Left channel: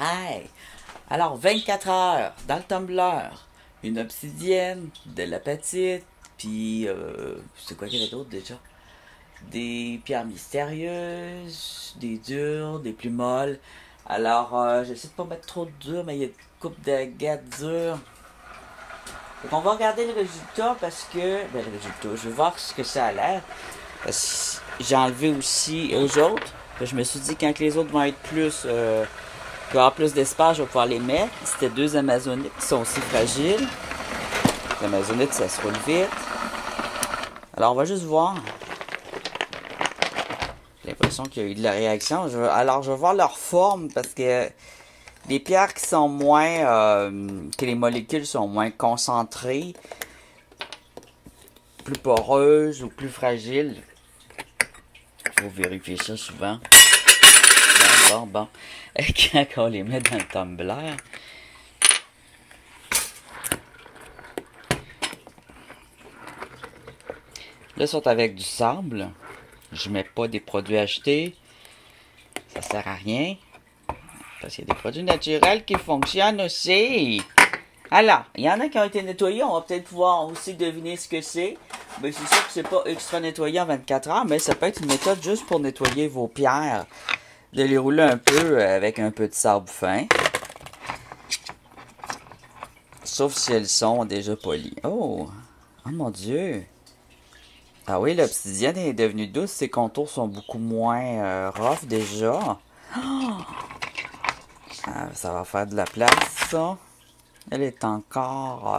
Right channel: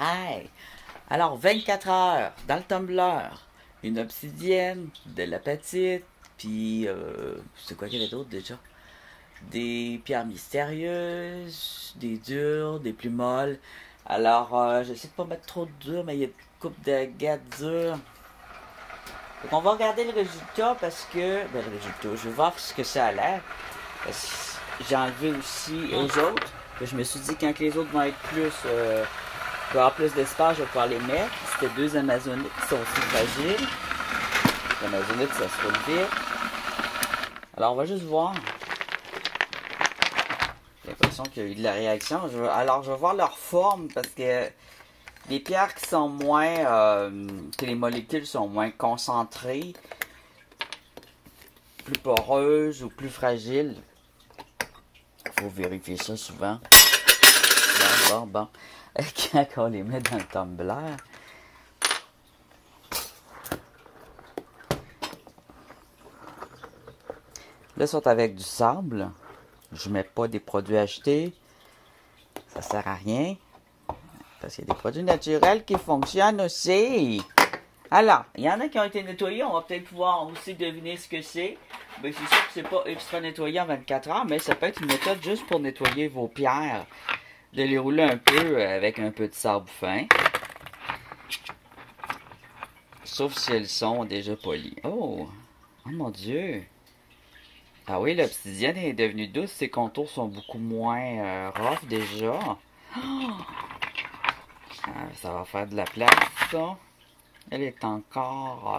Hi! Alors, 24 heures dans le tumbler, une obsidienne, de l'apatite, puis c'est quoi qu'il y avait d'autre déjà? Des pierres mystérieuses, des dures, des plus molles. Alors, j'essaie de pas mettre trop de durs, mais il y a une coupe d'agates dures. Donc, on va regarder le résultat parce que. Ben, le résultat, je vais voir ce que ça a l'air. J'ai enlevé aussi aux autres. Je me suis dit, quand les autres vont être plus. Il va y avoir plus d'espace, je vais pouvoir les mettre. C'était deux Amazonites qui sont aussi fragiles. L'Amazonite, ça se roule vite. Alors, on va juste voir. J'ai l'impression qu'il y a eu de la réaction. Alors, je vais voir leur forme parce que les pierres qui sont moins... que les molécules sont moins concentrées, plus poreuses ou plus fragiles. Il faut vérifier ça souvent. Bon. Quand on les met dans le tumbler. Là, ils sont avec du sable. Je mets pas des produits achetés. Ça sert à rien. Parce qu'il y a des produits naturels qui fonctionnent aussi. Alors, il y en a qui ont été nettoyés. On va peut-être pouvoir aussi deviner ce que c'est. Mais c'est sûr que c'est pas extra nettoyé en 24 heures. Mais ça peut être une méthode juste pour nettoyer vos pierres. De les rouler un peu avec un peu de sable fin. Sauf si elles sont déjà polies. Oh mon Dieu! Ah oui, l'obsidienne est devenue douce. Ses contours sont beaucoup moins rough déjà. Oh! Ah, ça va faire de la place, ça. Elle est encore...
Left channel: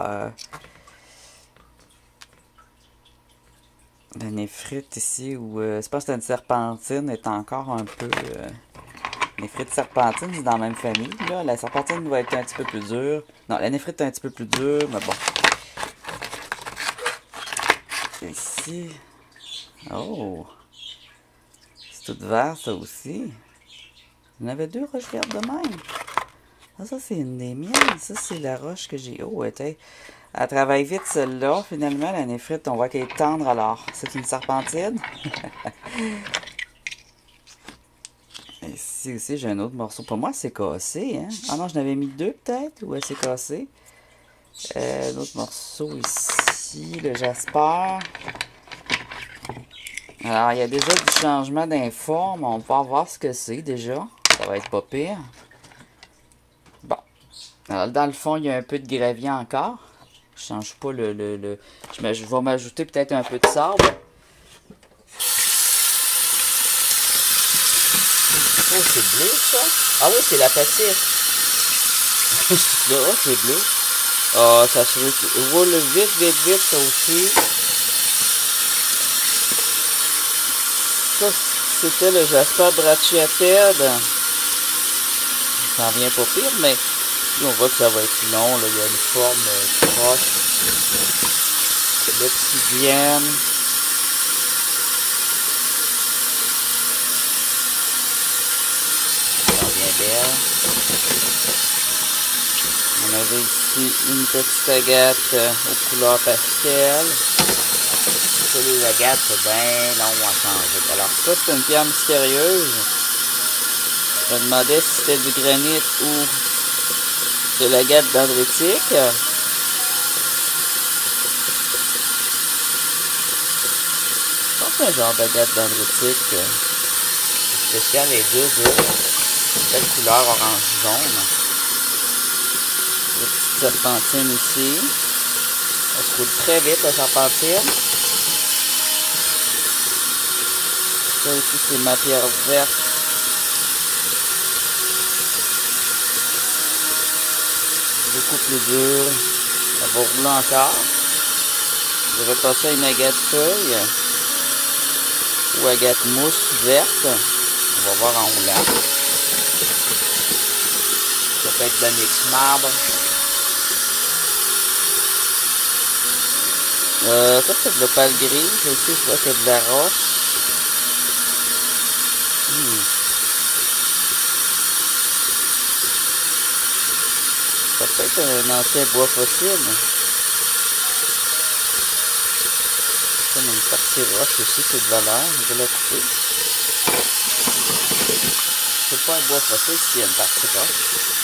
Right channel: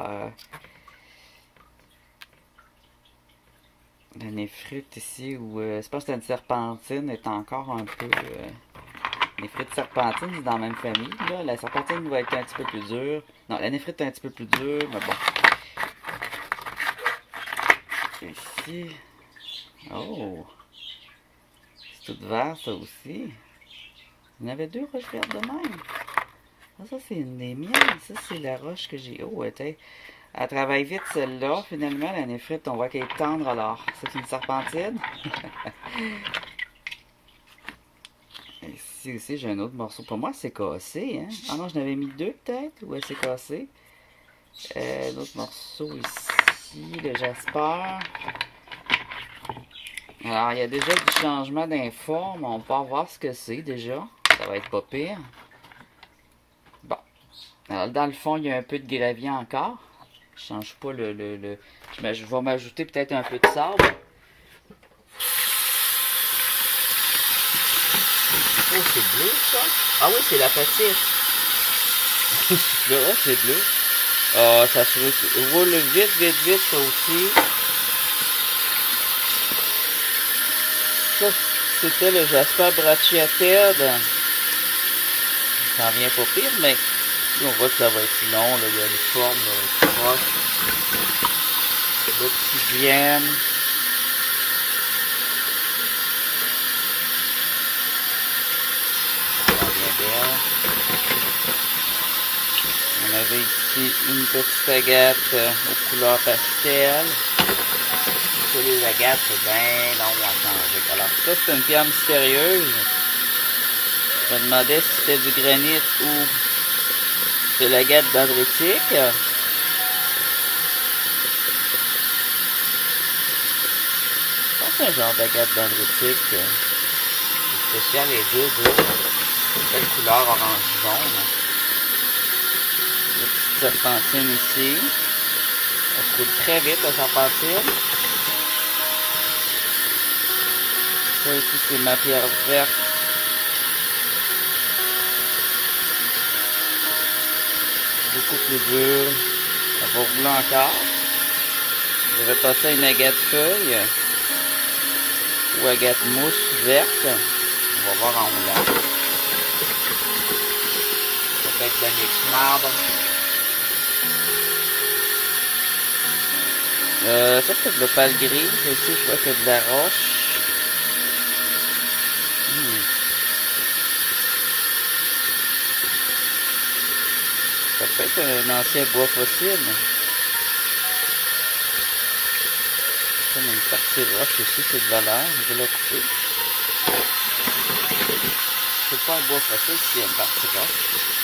la néphrite ici, ou c'est pas que c'est une serpentine, est encore un peu... néphrite serpentine, c'est dans la même famille. Là. La serpentine va être un petit peu plus dure. Non, la néphrite est un petit peu plus dure, mais bon. Ici... Oh! C'est tout vert, ça aussi. Il y en avait deux roches vertes de même. Ah, ça, c'est une des miennes. Ça, c'est la roche que j'ai... Oh, elle travaille vite, celle-là. Finalement, la néphrite, on voit qu'elle est tendre, alors. C'est une serpentine. Ici aussi, j'ai un autre morceau. Pour moi, c'est cassé, hein? Ah non, j'en avais mis deux, peut-être, ou elle s'est cassée. Un autre morceau ici, le jasper. Alors, il y a déjà du changement d'informe. On va voir ce que c'est, déjà. Ça va être pas pire. Bon. Alors, dans le fond, il y a un peu de gravier encore. Je change pas je vais m'ajouter peut-être un peu de sable. Oh, c'est bleu, ça. Ah oui, c'est la patite. Oh, c'est bleu. Ah, ça se roule vite, ça aussi. Ça, c'était le Jasper brachyapède. Ça en vient pas pire, mais on voit que ça va être long. Là. Il y a une forme proche. L'obsidienne. Ça vient belle. On avait ici une petite agate aux couleurs pastel. Ça, les agates, c'est bien long à changer. Alors ça, c'est une pierre mystérieuse. Je me demandais si c'était du granit ou de l'agate dendritique. Je pense que c'est un genre d'agate dendritique. C'est spécial, les deux, belle couleur orange-jaune. Une petite serpentine ici. Elle se roule très vite, la serpentine. Ça aussi, c'est ma pierre verte. Beaucoup plus dur. Ça va rouler encore. Je vais passer à une agate feuille. Ou agate mousse verte. On va voir en roulant. Ça peut être de l'onyx marbre. Ça c'est de l'opale gris. Ici, je vois qu'il y a de la roche. Ça peut être un ancien bois fossile. Comme une partie roche aussi, c'est de valeur. Je vais la couper. C'est pas un bois fossile s'il y a une partie roche.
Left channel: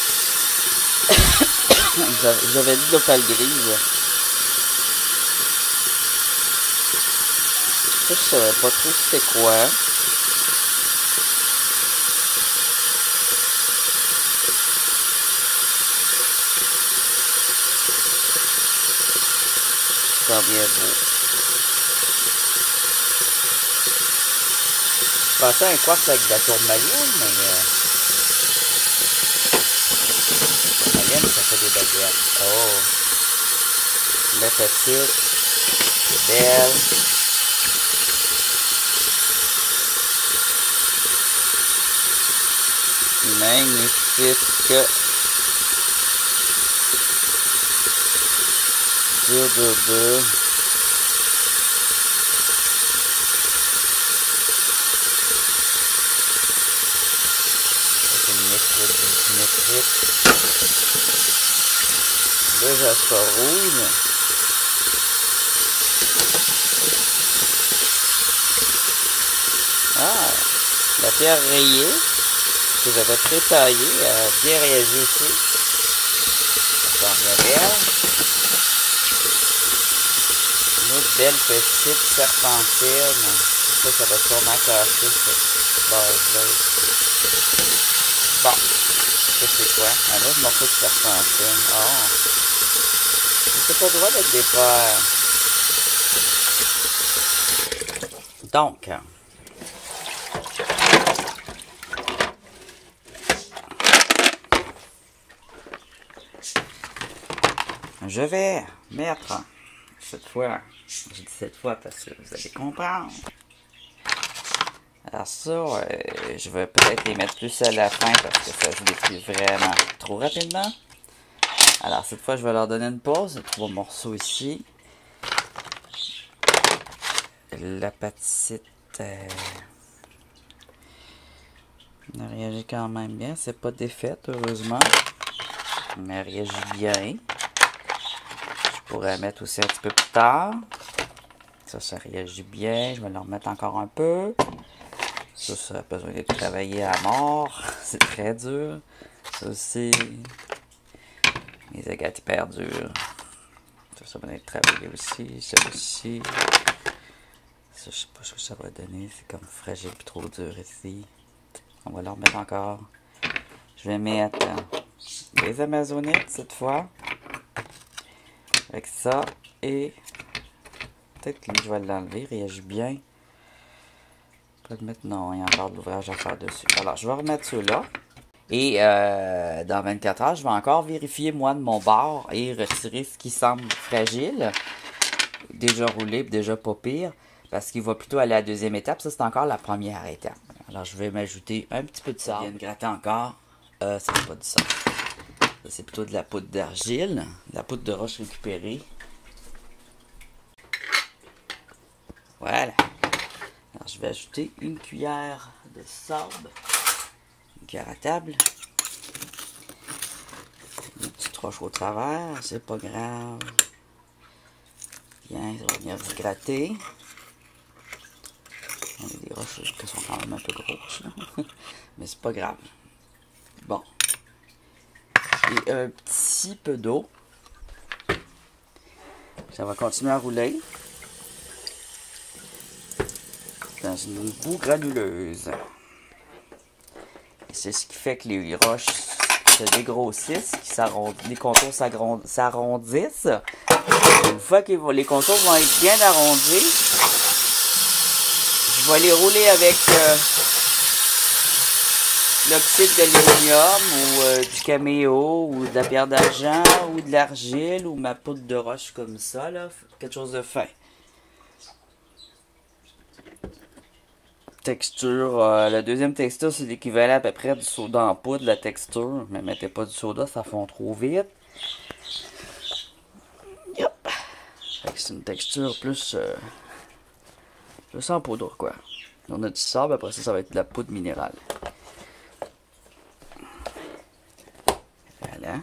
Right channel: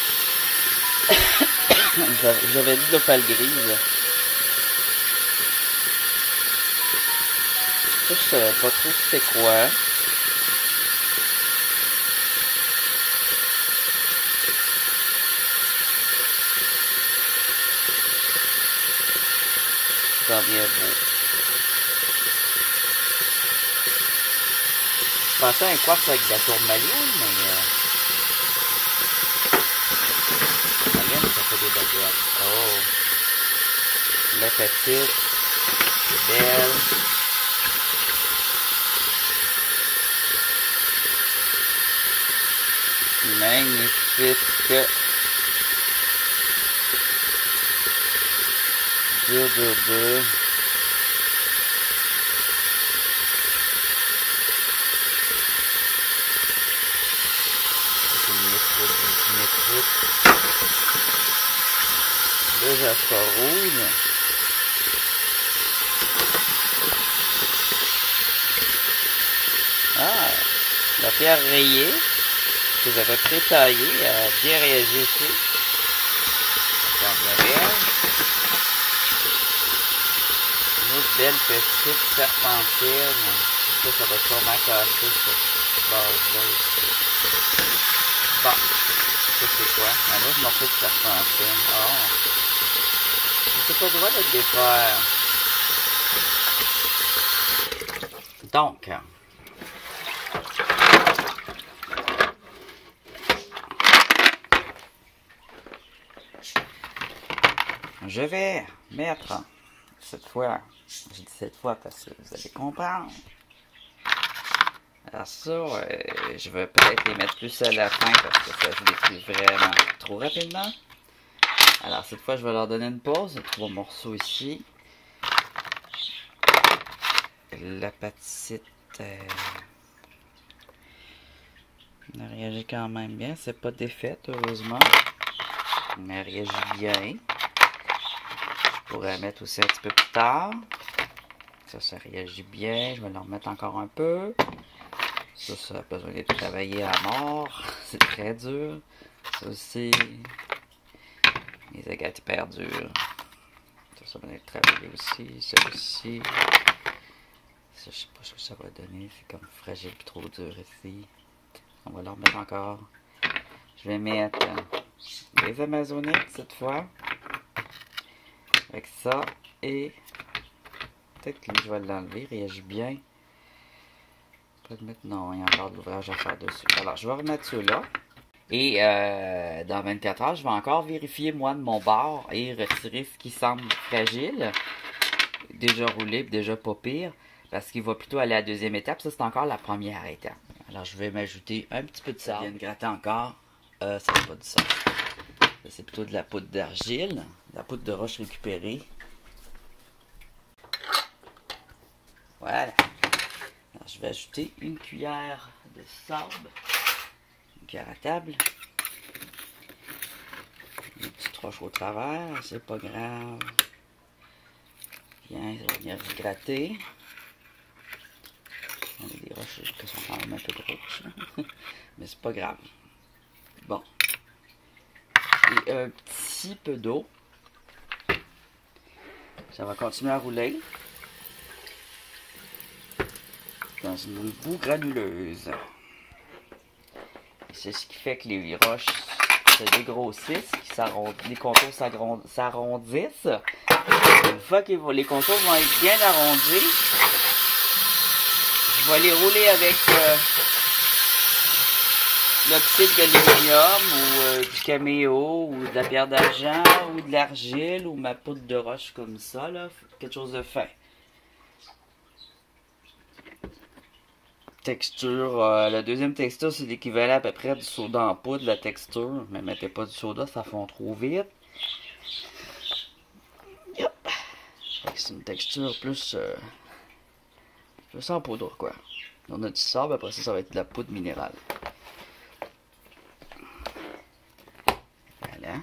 J'avais dit d'opale grise. Ça, je savais pas trop c'était quoi. Ça vient beau. Je pensais à un quartz avec de la tourmaline, mais tourmaline, ça fait des baguettes. Oh! La petite, c'est belle. Magnifique. Dur. C'est une métrite. Le jasper rouge. Ah, la pierre rayée que j'avais pré-taillée a bien réagi aussi. Ça sent bien belle. Une autre belle petite serpentine. Ça va sûrement casser cette base-là. Bon, ça c'est quoi? Un autre morceau de serpentine. Oh! C'est pas le droit d'être défaire. Donc, je vais mettre cette fois, je dis cette fois parce que vous allez comprendre. Alors ça, je vais peut-être les mettre plus à la fin parce que ça se détruit vraiment trop rapidement. Alors cette fois, je vais leur donner une pause. 3 morceaux ici. La patite elle réagit quand même bien. C'est pas défaite, heureusement. Mais elle réagit bien. Je pourrais mettre aussi un petit peu plus tard. Ça réagit bien. Je vais leur mettre encore un peu. Ça a besoin d'être travaillé à mort. C'est très dur. Ça aussi. Les agates hyper dures. Ça va être travaillé aussi. Celui-ci. Ça, je sais pas ce que ça va donner. C'est comme fragile et trop dur ici. On va leur mettre encore. Je vais mettre les amazonites cette fois. Avec ça. Et peut-être que lui, je vais l'enlever. Il réagit bien. Je vais le mettre. Non, il y a encore de l'ouvrage à faire dessus. Alors, je vais remettre ceux-là. Et dans 24 heures, je vais encore vérifier, moi, de mon bord et retirer ce qui semble fragile. Déjà roulé, déjà pas pire. Parce qu'il va plutôt aller à la deuxième étape. Ça, c'est encore la première étape. Alors, je vais m'ajouter un petit peu de sable. Je viens de gratter encore. Ça, c'est pas du sable. Ça, c'est plutôt de la poudre d'argile. De la poudre de roche récupérée. Voilà. Alors, je vais ajouter une cuillère de sable. Une cuillère à table. Une petite roche au travers. C'est pas grave. Bien, ça va venir se gratter. On a des roches qui sont quand même un peu grosses, là. Mais c'est pas grave. Bon. Et un petit peu d'eau. Ça va continuer à rouler. Dans une boue granuleuse. C'est ce qui fait que les roches se dégrossissent, les contours s'arrondissent. Une fois que les contours vont être bien arrondis, je vais les rouler avec l'oxyde d'aluminium ou du caméo ou de la pierre d'argent ou de l'argile ou ma poudre de roche comme ça, là, quelque chose de fin. Texture, la deuxième texture c'est l'équivalent à peu près du soda en poudre, la texture, mais mettez pas du soda, ça fond trop vite. Yep. C'est une texture plus en poudre quoi. On a du sable, après ça va être de la poudre minérale. Voilà.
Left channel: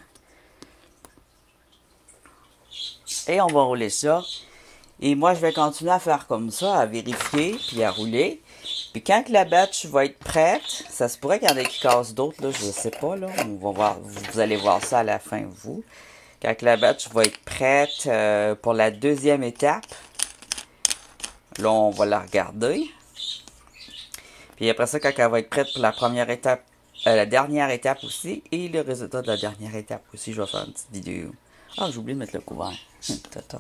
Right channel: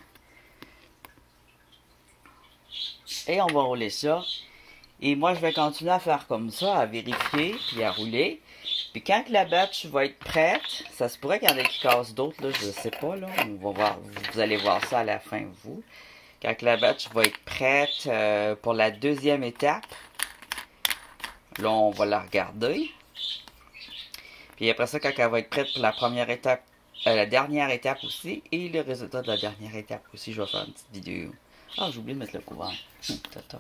Et on va rouler ça. Et moi, je vais continuer à faire comme ça, à vérifier, puis à rouler. Puis quand que la batch va être prête, ça se pourrait qu'il y en ait qui cassent d'autres, là, je sais pas, là. On va voir, vous allez voir ça à la fin, vous. Quand que la batch va être prête pour la deuxième étape, là, on va la regarder. Puis après ça, quand elle va être prête pour la première étape, la dernière étape aussi, et le résultat de la dernière étape aussi, je vais faire une petite vidéo. Ah, j'ai oublié de mettre le couvert. Tata.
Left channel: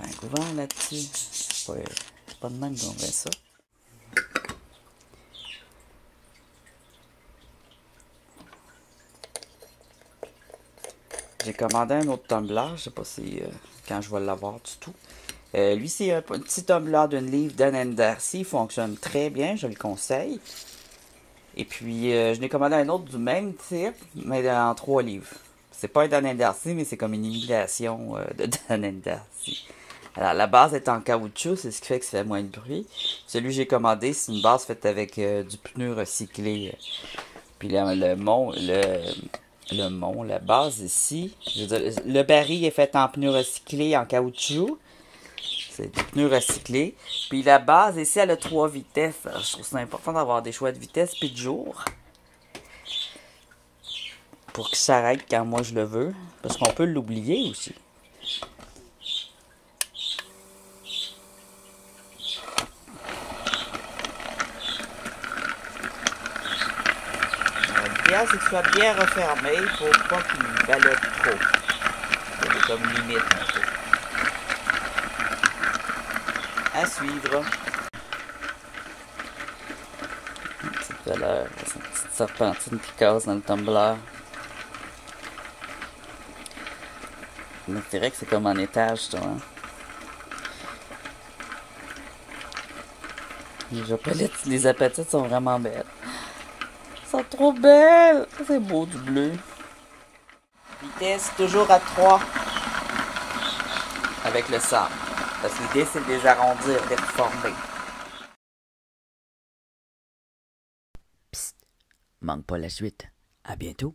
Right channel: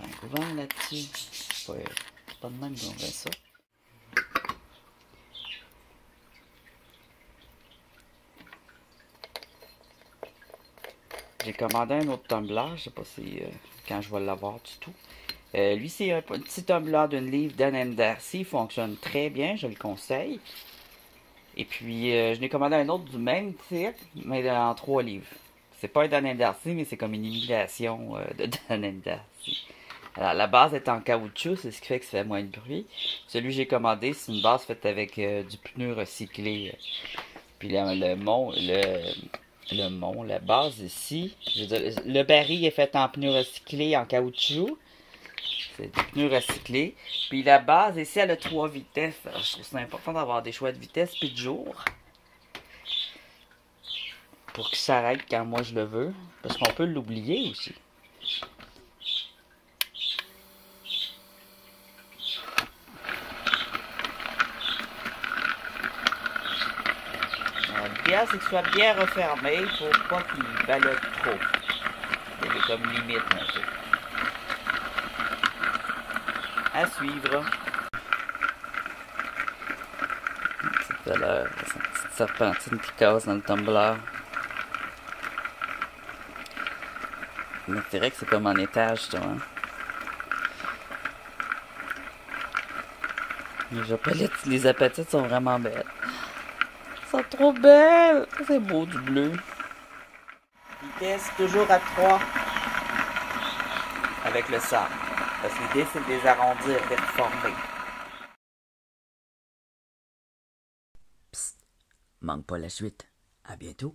Un couvert là-dessus. C'est pas de même qu'on fait ça. J'ai commandé un autre tumbler, je sais pas si quand je vais l'avoir du tout. Lui, c'est un petit tumbler d'une livre Dan & Darcy, il fonctionne très bien, je le conseille. Et puis, je l'ai commandé un autre du même type, mais en 3 livres. C'est pas un Dan & Darcy, mais c'est comme une imitation de Dan & Darcy. Alors, la base est en caoutchouc, c'est ce qui fait que ça fait moins de bruit. Celui que j'ai commandé, c'est une base faite avec du pneu recyclé. Puis la base ici, je veux dire, le baril est fait en pneu recyclé, en caoutchouc. C'est des pneus recyclés. Puis la base ici, elle a 3 vitesses. Alors, je trouve ça important d'avoir des choix de vitesse puis de jour. Pour qu'il s'arrête quand moi je le veux. Parce qu'on peut l'oublier aussi. L'idéal, c'est que ce soit bien refermé pour pas qu'il ballotte trop. Il y a comme limite un peu. À suivre. Tout à l'heure, c'est une petite serpentine qui casse dans le tumbler. Mais c'est vrai que c'est comme en étage, ça, hein. Les apatites sont vraiment belles. Elles sont trop belles! C'est beau du bleu. Vitesse toujours à 3 avec le sable. Parce que l'idée, c'est de les arrondir, de les reformer. Psst, manque pas la suite. À bientôt.